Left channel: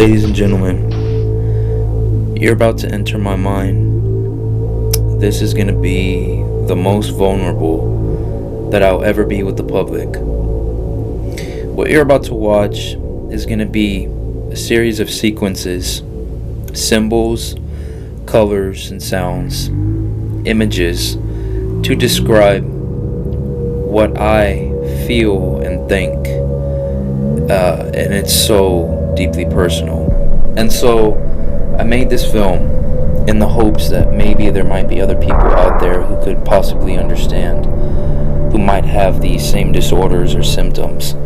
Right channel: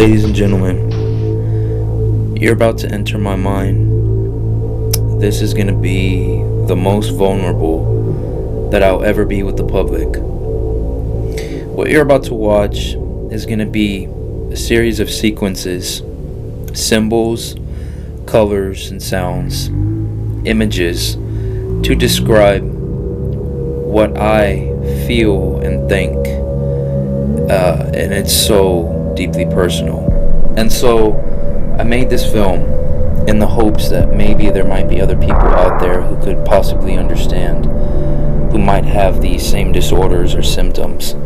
Ladies and gentlemen, you're about to enter my mind. This is going to be the most vulnerable that I'll ever be with the public. What you're about to watch is going to be a series of sequences, symbols, colors, and sounds, images to describe what I feel and think. And it's so deeply personal. And so I made this film in the hopes that maybe there might be other people out there who could possibly understand, who might have these same disorders or symptoms,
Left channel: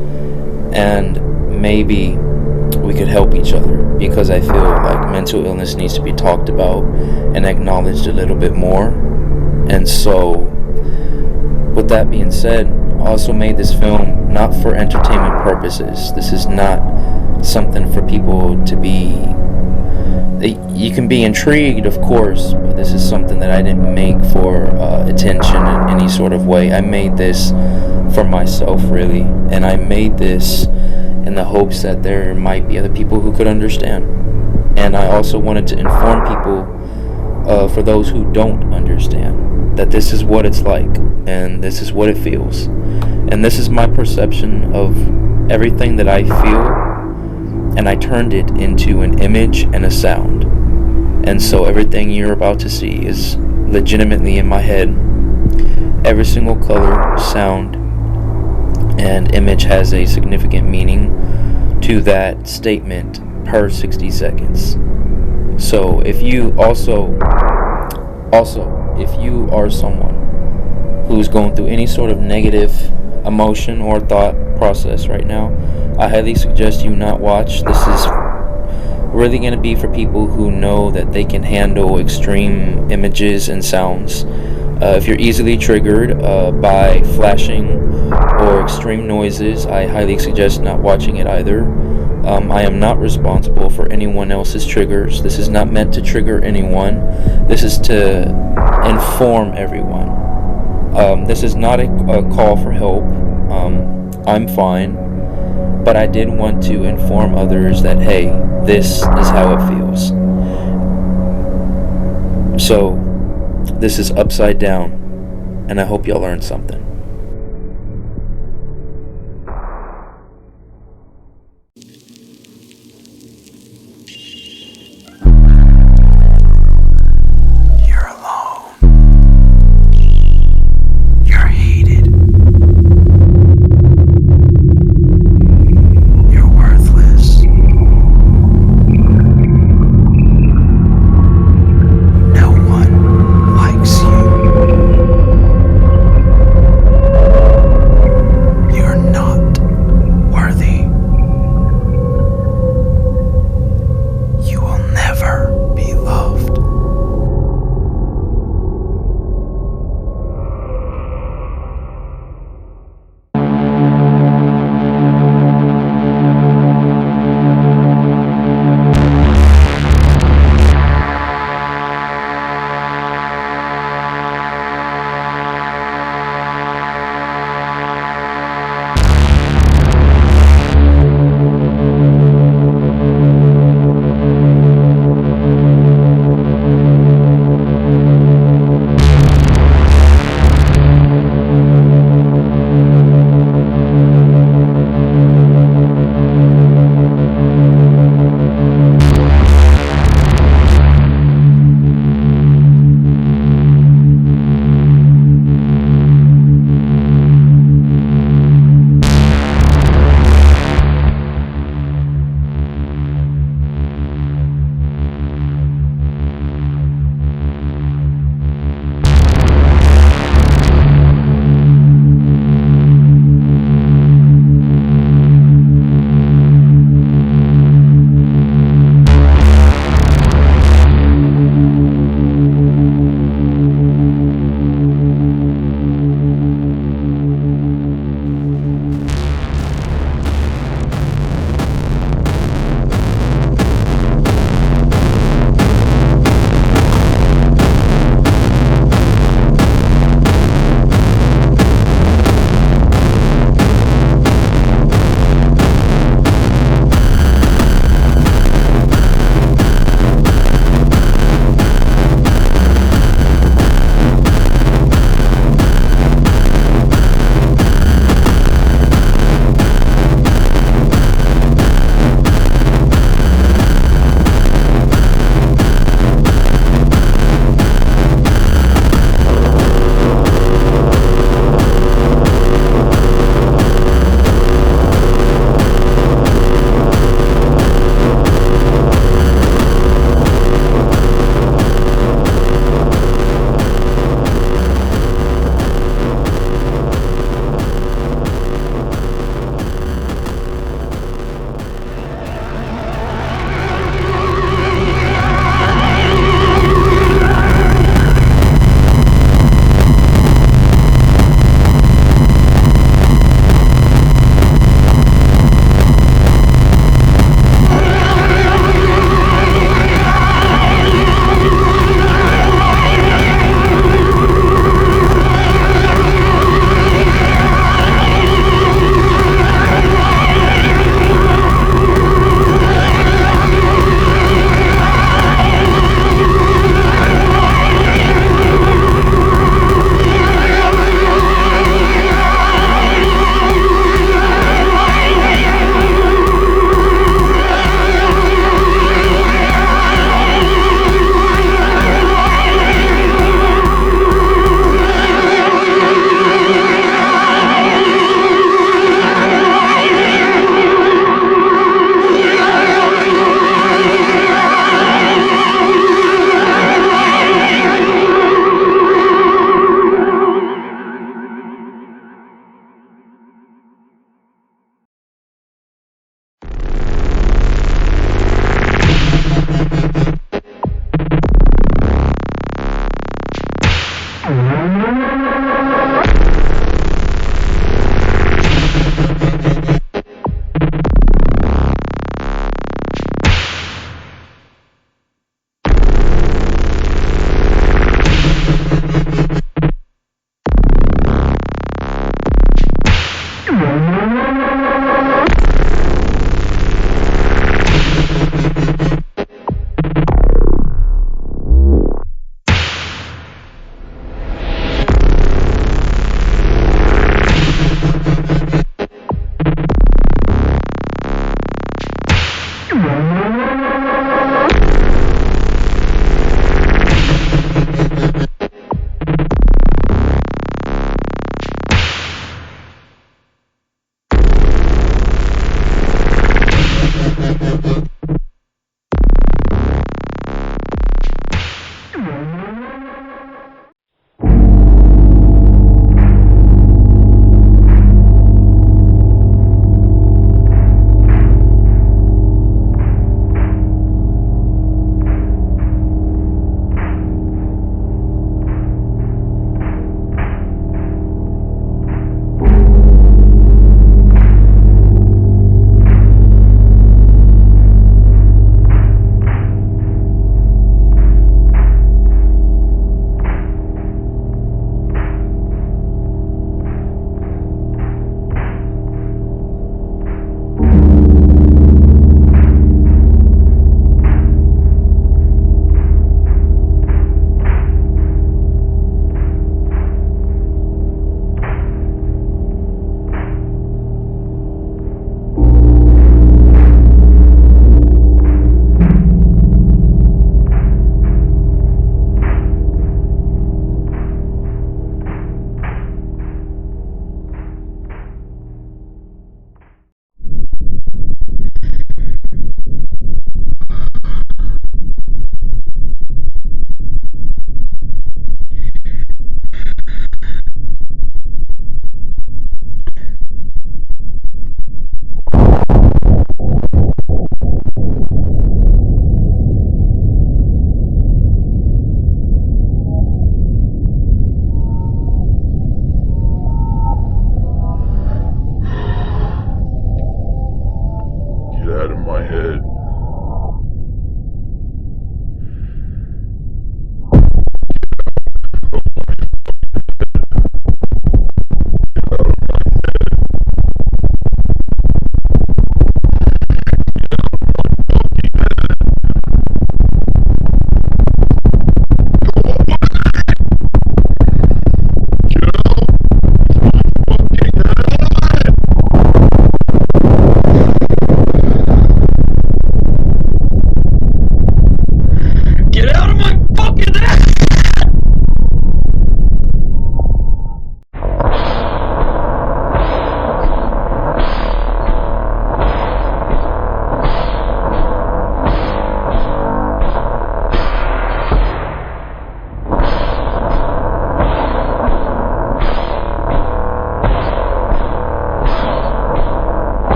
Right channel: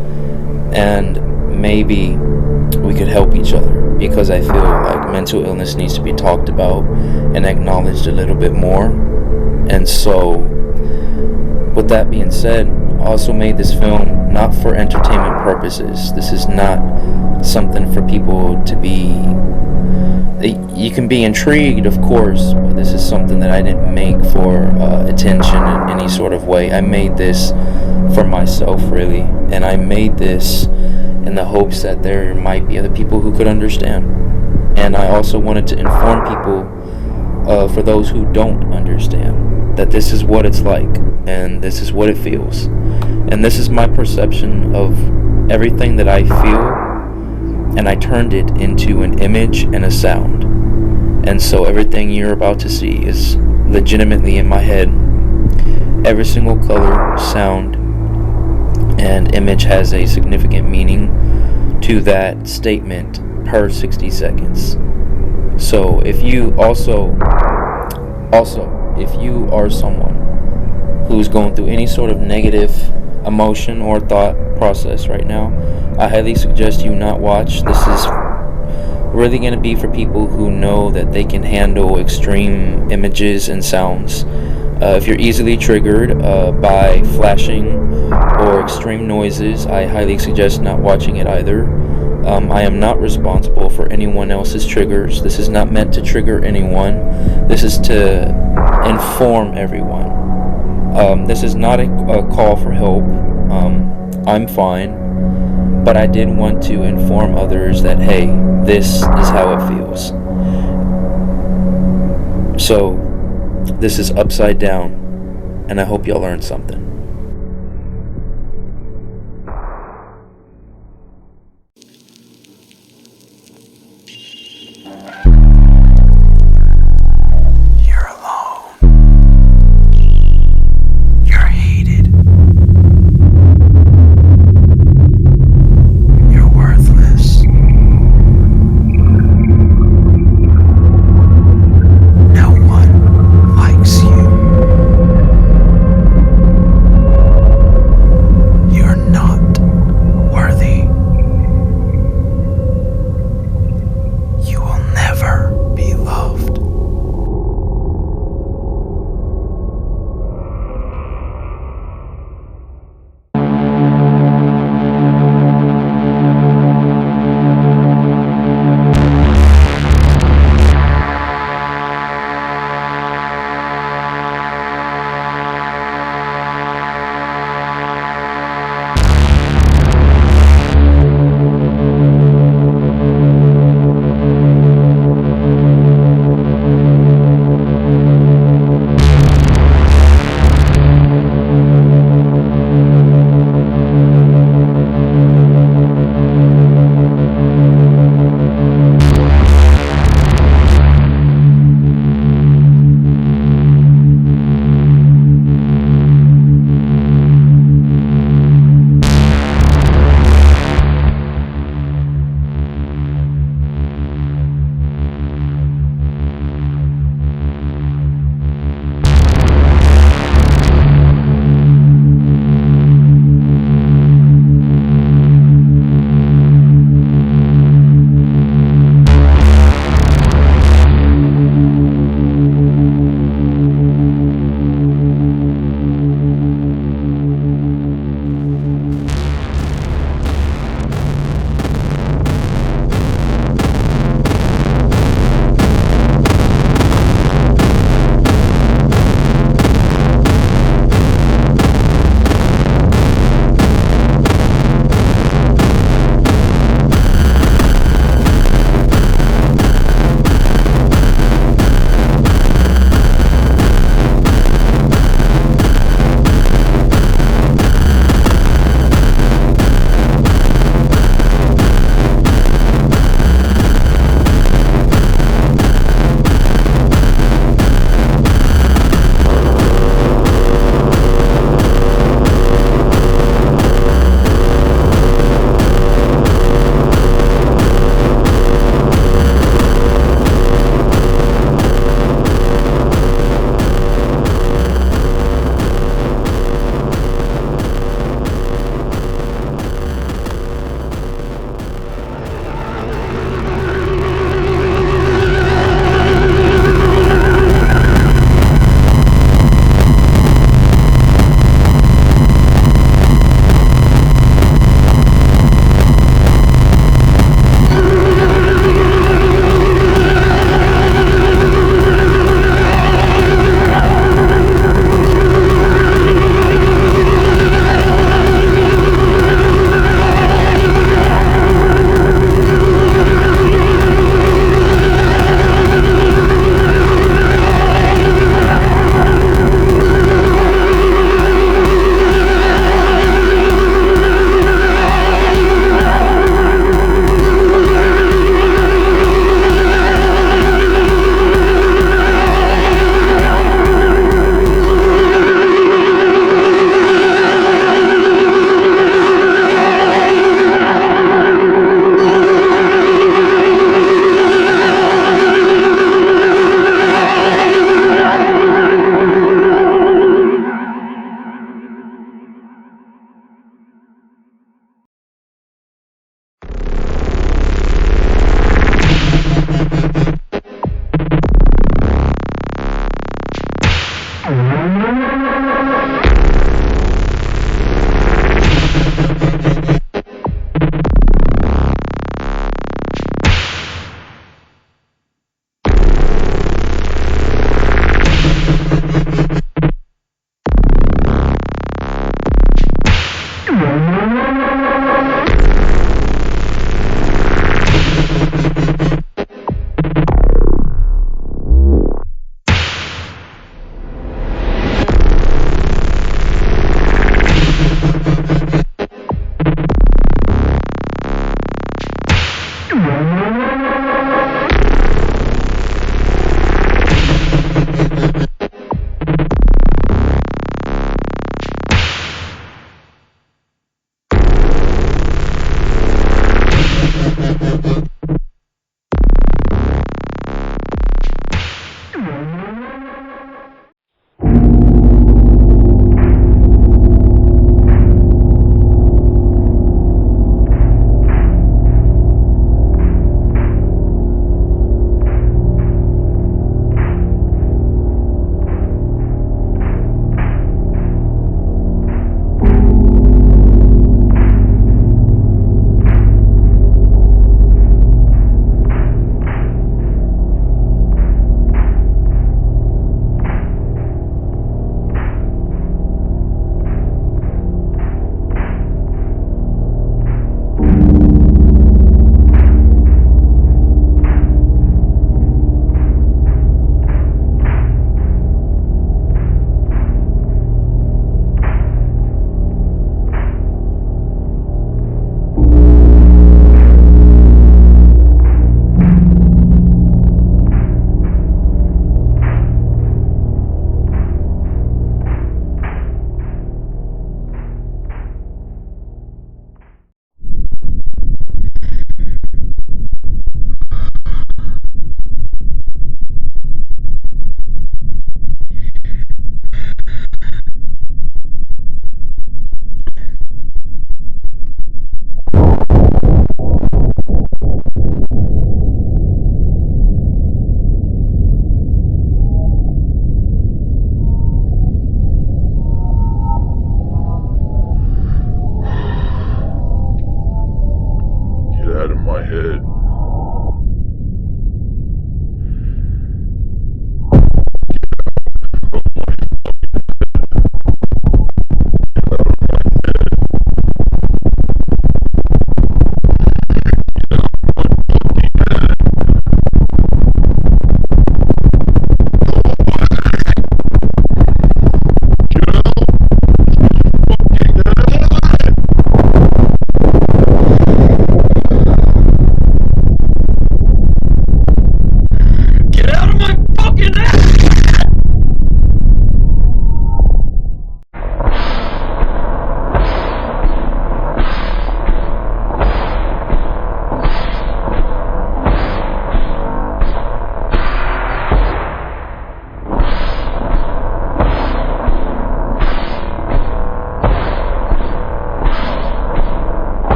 and maybe we could help each other, because I feel like mental illness needs to be talked about and acknowledged a little bit more. And so with that being said, I also made this film not for entertainment purposes. This is not something for people to be... You can be intrigued, of course, but this is something that I didn't make for attention in any sort of way. I made this for myself, really, and I made this in the hopes that there might be other people who could understand. And I also wanted to inform people, for those who don't understand, that this is what it's like, and this is what it feels. And this is my perception of everything that I feel, and I turned it into an image and a sound. And so everything you're about to see is legitimately in my head. Every single color, sound, and image has a significant meaning to that statement per 60 seconds. So if you if you are someone who's going through any sort of negative emotion or thought process right now, I highly suggest you not watch. This is really going to be for people who know that they can handle extreme images and sounds. If you're easily triggered by flashing or extreme noises, I highly suggest not watching it either. I am not responsible for anyone else's triggers. This is not meant to trigger anyone. This is to inform everyone. This is not a call for help. I'm fine. But I did want to inform others that, hey, this is how it feels. So, this is Upside Down, and I hope y'all learned something. You're alone. You're hated. You're worthless. No one likes you.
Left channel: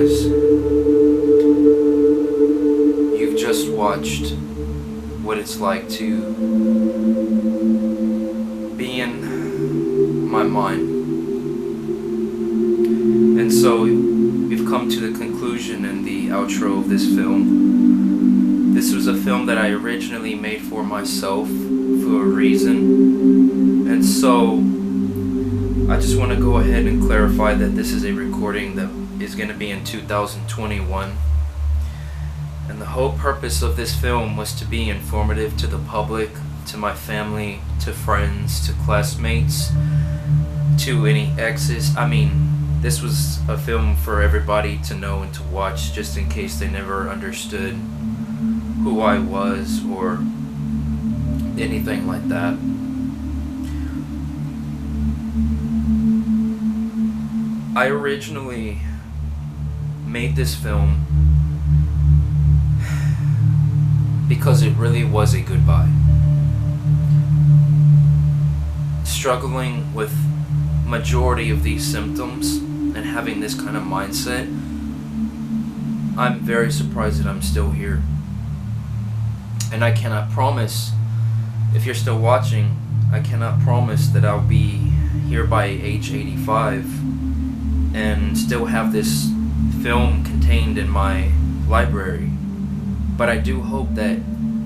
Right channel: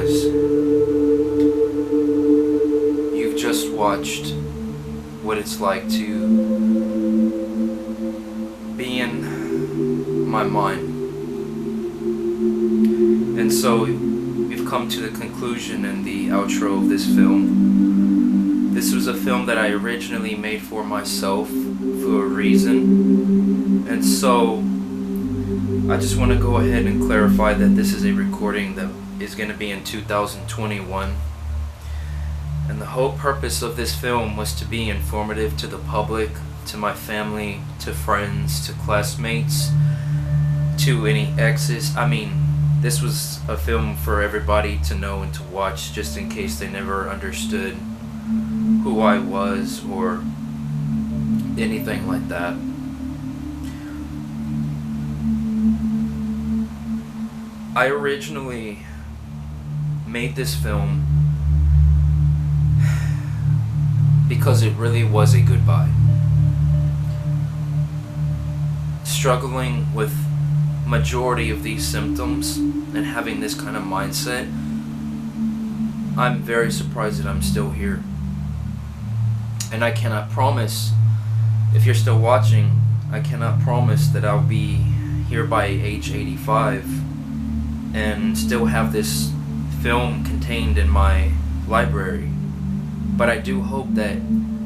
guys, you've just watched what it's like to be in my mind. And so we've come to the conclusion and the outro of this film. This was a film that I originally made for myself for a reason. And so I just want to go ahead and clarify that this is a recording that is going to be in 2021. And the whole purpose of this film was to be informative to the public, to my family, to friends, to classmates, to any exes. I mean, this was a film for everybody to know and to watch, just in case they never understood who I was or anything like that. I originally made this film because it really was a goodbye. Struggling with majority of these symptoms and having this kind of mindset, I'm very surprised that I'm still here. And I cannot promise, if you're still watching, I cannot promise that I'll be here by age 85 and still have this film contained in my library. But I do hope that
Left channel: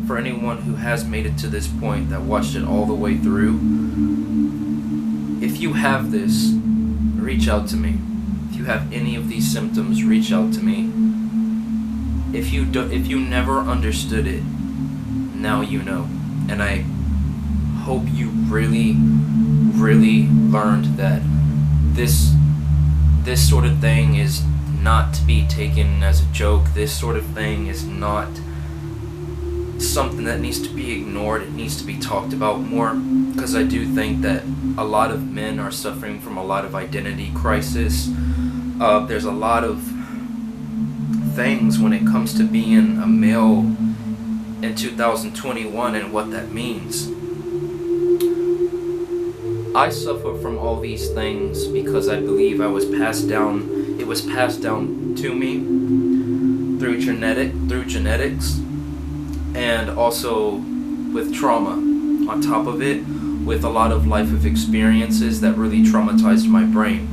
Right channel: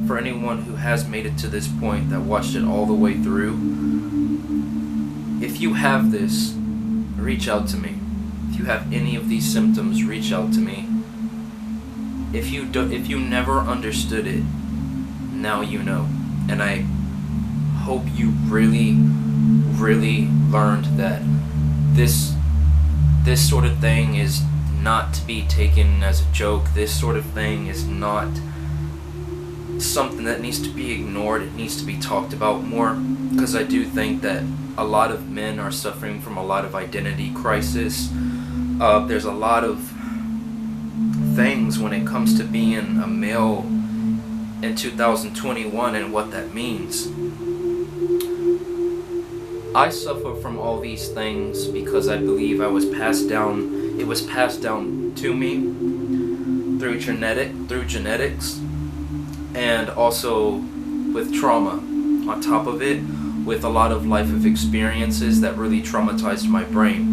for anyone who has made it to this point, that watched it all the way through, if you have this, reach out to me. If you have any of these symptoms, reach out to me. If you never understood it, now you know. And I hope you really, really learned that this sort of thing is not to be taken as a joke. This sort of thing is not something that needs to be ignored. It needs to be talked about more, because I do think that a lot of men are suffering from a lot of identity crisis. There's a lot of things when it comes to being a male in 2021 and what that means. I suffer from all these things because I believe it was passed down to me through genetics, and also with trauma on top of it, with a lot of life of experiences that really traumatized my brain.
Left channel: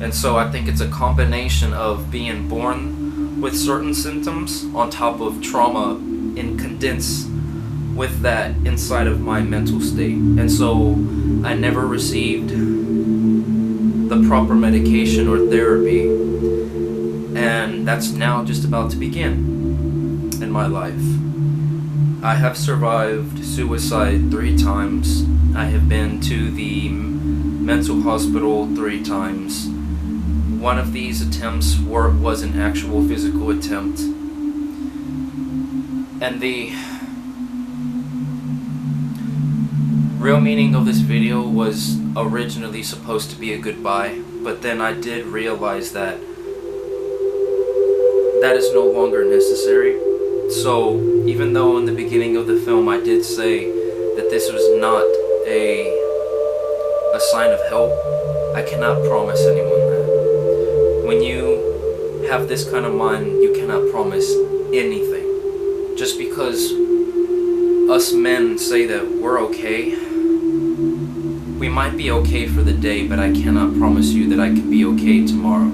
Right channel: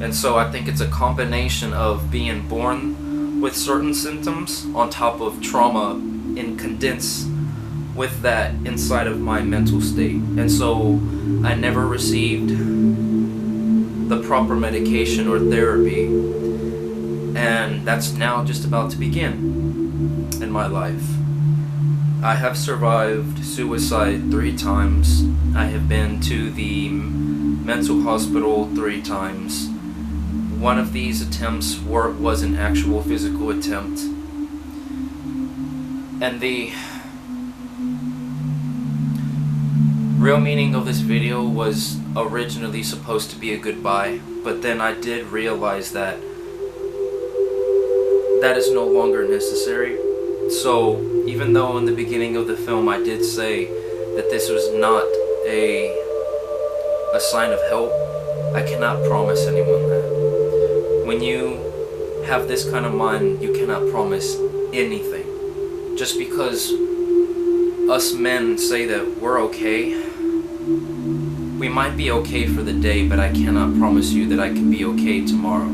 And so I think it's a combination of being born with certain symptoms on top of trauma and condense with that inside of my mental state. And so I never received the proper medication or therapy, and that's now just about to begin in my life. I have survived suicide 3 times. I have been to the mental hospital 3 times. One of these attempts was an actual physical attempt. And the real meaning of this video was originally supposed to be a goodbye, but then I did realize that that is no longer necessary. So even though in the beginning of the film I did say that this was not a sign of help, I cannot promise anyone that. When you have this kind of mind, you cannot promise anything. Just because us men say that we're okay, we might be okay for the day, but I cannot promise you that I can be okay tomorrow.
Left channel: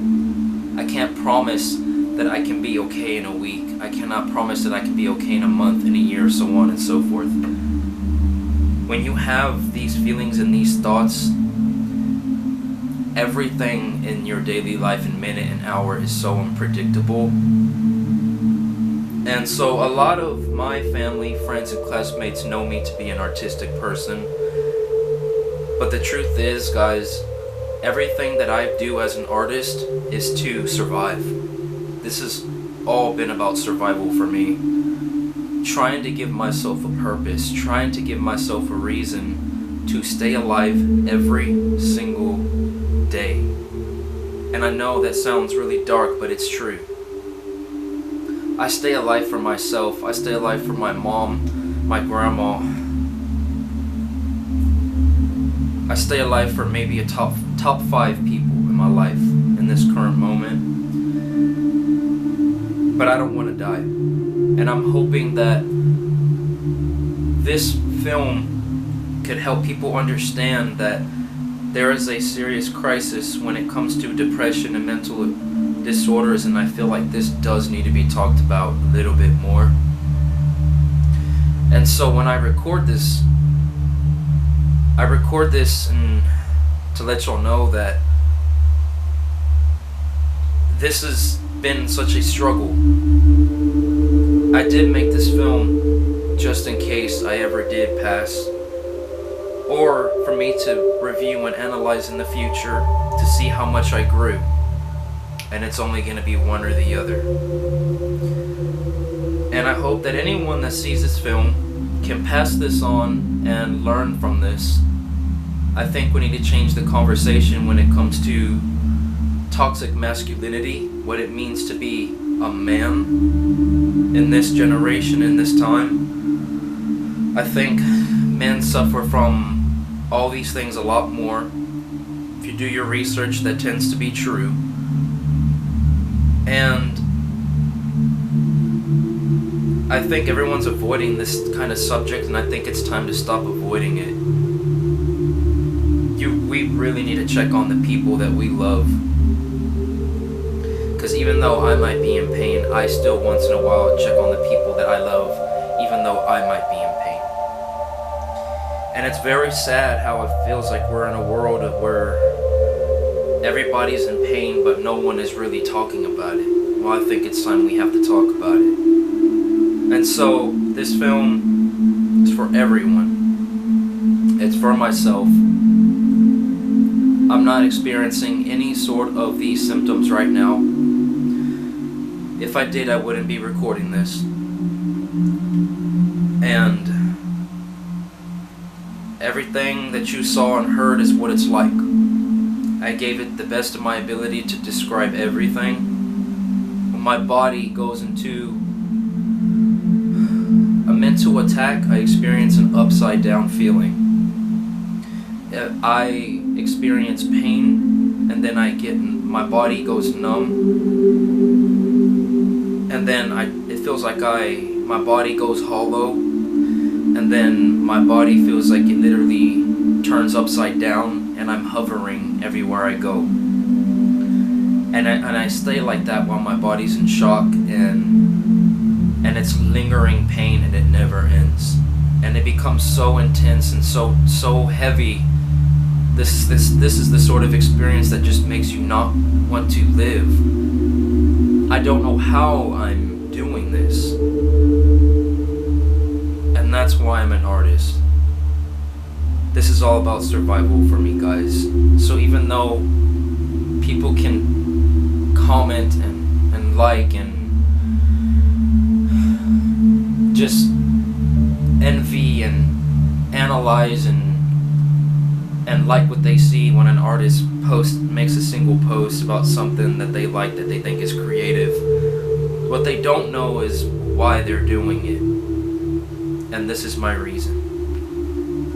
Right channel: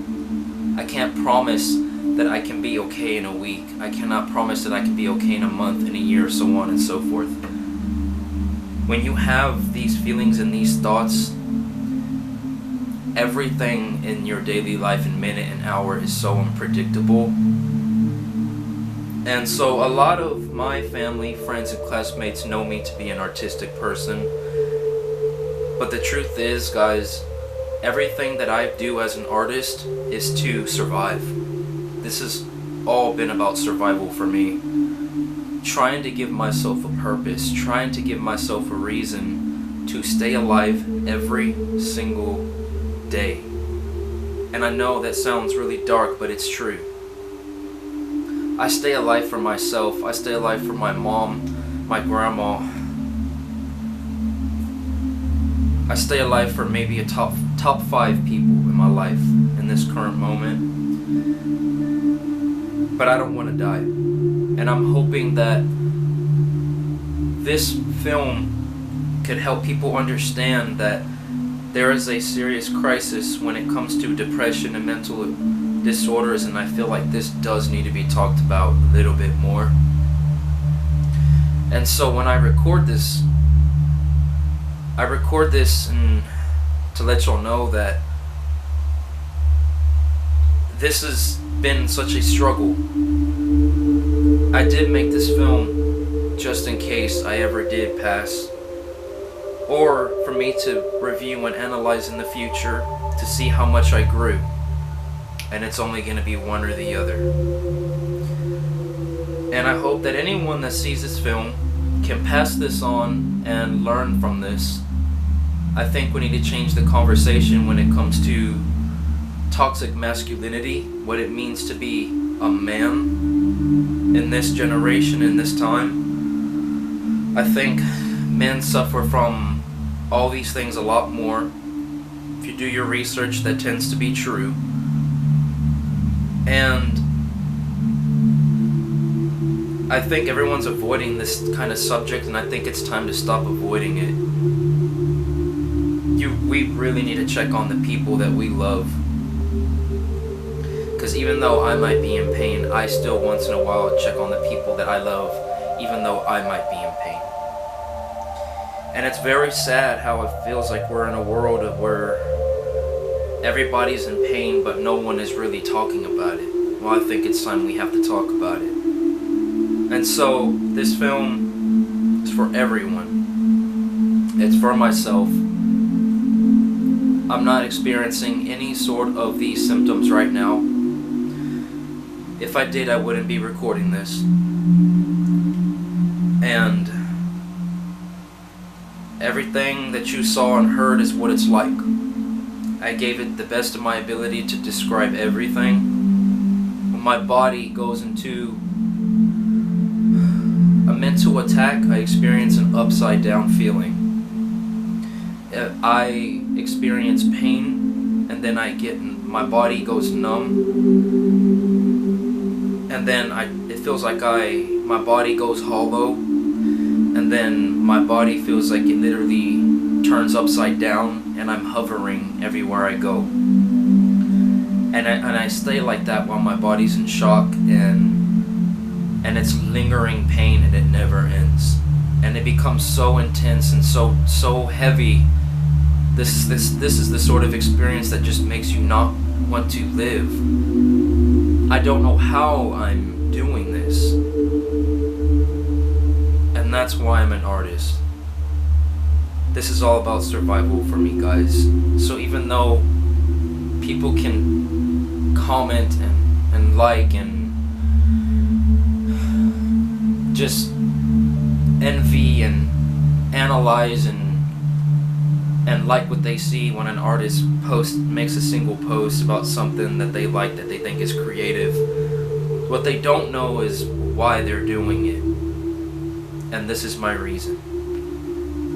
I can't promise that I can be okay in a week. I cannot promise that I can be okay in a month, in a year, so on and so forth. When you have these feelings and these thoughts, everything in your daily life in minute and hour is so unpredictable. And so a lot of my family, friends, and classmates know me to be an artistic person. But the truth is, guys, everything that I do as an artist is to survive. This has all been about survival for me. Trying to give myself a purpose, trying to give myself a reason to stay alive every single day. And I know that sounds really dark, but it's true. I stay alive for myself. I stay alive for my mom, my grandma. I stay alive for maybe a top 5 people in my life in this current moment. but I don't want to die. And I'm hoping that this film could help people understand that there is a serious crisis when it comes to depression and mental disorders, and I feel like this does need to be talked about a little bit more. And so when I record this and to let y'all know that this has been such a struggle. I did make this film just in case I ever did pass, or for me to review and analyze in the future to see how much I grew. And it's only going to be one or the other. And I hope that anyone that sees this film can pass this on and learn from this. I think we need to change the conversation when it comes to toxic masculinity, what it means to be a man in this generation, in this time. I think men suffer from all these things a lot more. If you do your research, that tends to be true. And I think everyone's avoiding this kind of subject, and I think it's time to stop avoiding it. We really need to check on the people that we love. Because even though I might be in pain, I still once in a while check on the people that I love, even though I might be in pain. And it's very sad how it feels like we're in a world of where everybody's in pain, but no one is really talking about it. Well, I think it's time we have to talk about it. And so, this film is for everyone. It's for myself. I'm not experiencing any sort of these symptoms right now. If I did, I wouldn't be recording this. And everything that you saw and heard is what it's like. I gave it the best of my ability to describe everything. When my body goes into a mental attack, I experience an upside down feeling. I experience pain, and then my body goes numb, and then it feels like my body goes hollow, and then my body feels like it literally turns upside down, and I'm hovering everywhere I go. And I stay like that while my body's in shock, and it's lingering pain, and it never ends. And it becomes so intense and so heavy. This is the sort of experience that just makes you not want to live. I don't know how I'm doing this. And that's why I'm an artist. This is all about survival for me, guys. So even though people can comment and like and just envy and analyze and like what they see when an artist makes a single post about something that they like, that they think is creative. What they don't know is why they're doing it. And this is my reason.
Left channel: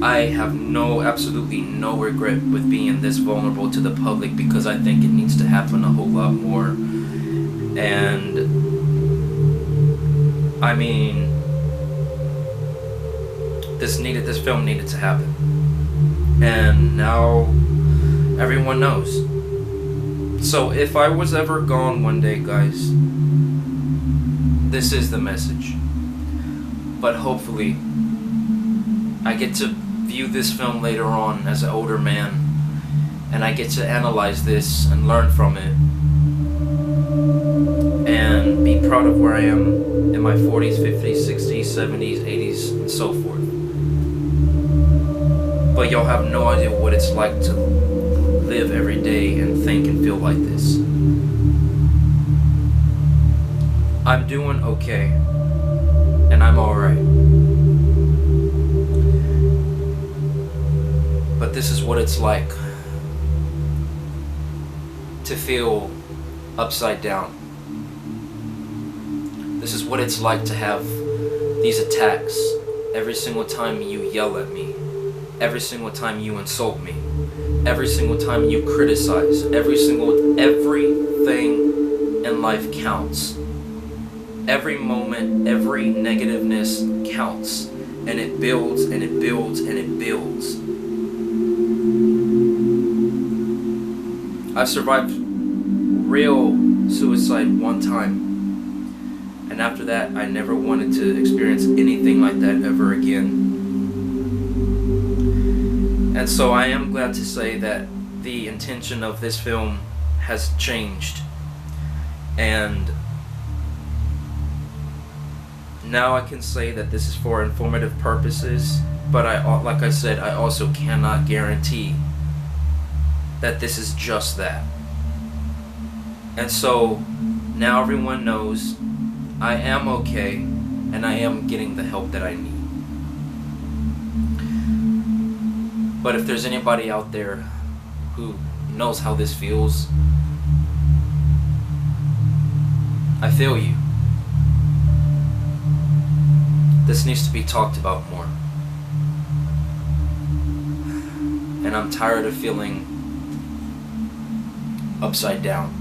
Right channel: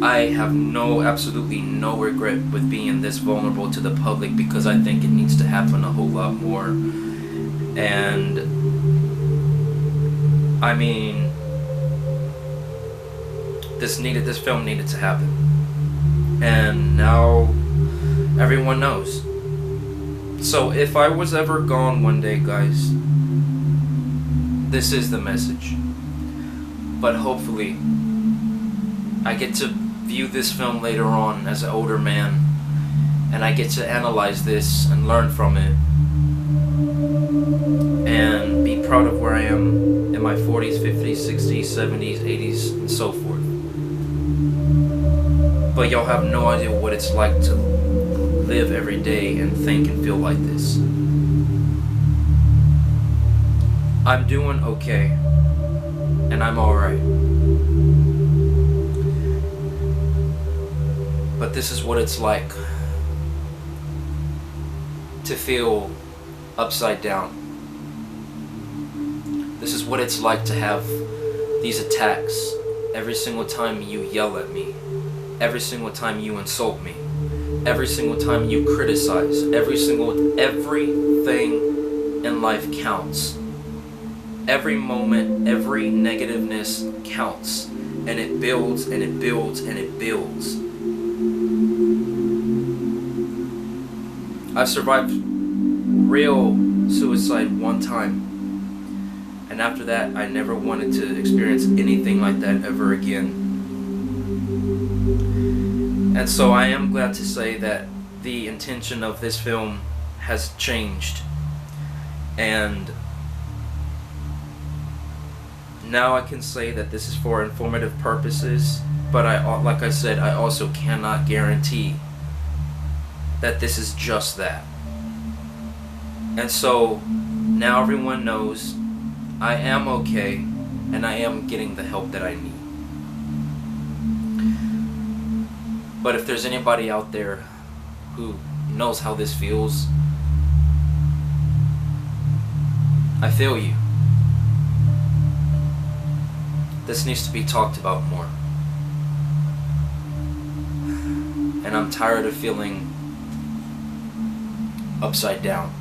I have absolutely no regret with being this vulnerable to the public, because I think it needs to happen a whole lot more. And I mean, this film needed to happen. And now everyone knows. So if I was ever gone one day, guys, this is the message. But hopefully I get to view this film later on as an older man, and I get to analyze this and learn from it and be proud of where I am in my 40s, 50s, 60s, 70s, 80s, and so forth. But y'all have no idea what it's like to live every day and think and feel like this. I'm doing okay, and I'm alright. But this is what it's like to feel upside down. This is what it's like to have these attacks every single time you yell at me, every single time you insult me, every single time you criticize, everything in life counts. Every moment, every negativeness counts, and it builds and it builds and it builds. I've survived real suicide one time, and after that I never wanted to experience anything like that ever again. And so I am glad to say that the intention of this film has changed, and now I can say that this is for informative purposes, but like I said, I also cannot guarantee that this is just that. And so now everyone knows I am okay, and I am getting the help that I need. But if there's anybody out there who knows how this feels, I feel you. This needs to be talked about more. And I'm tired of feeling upside down.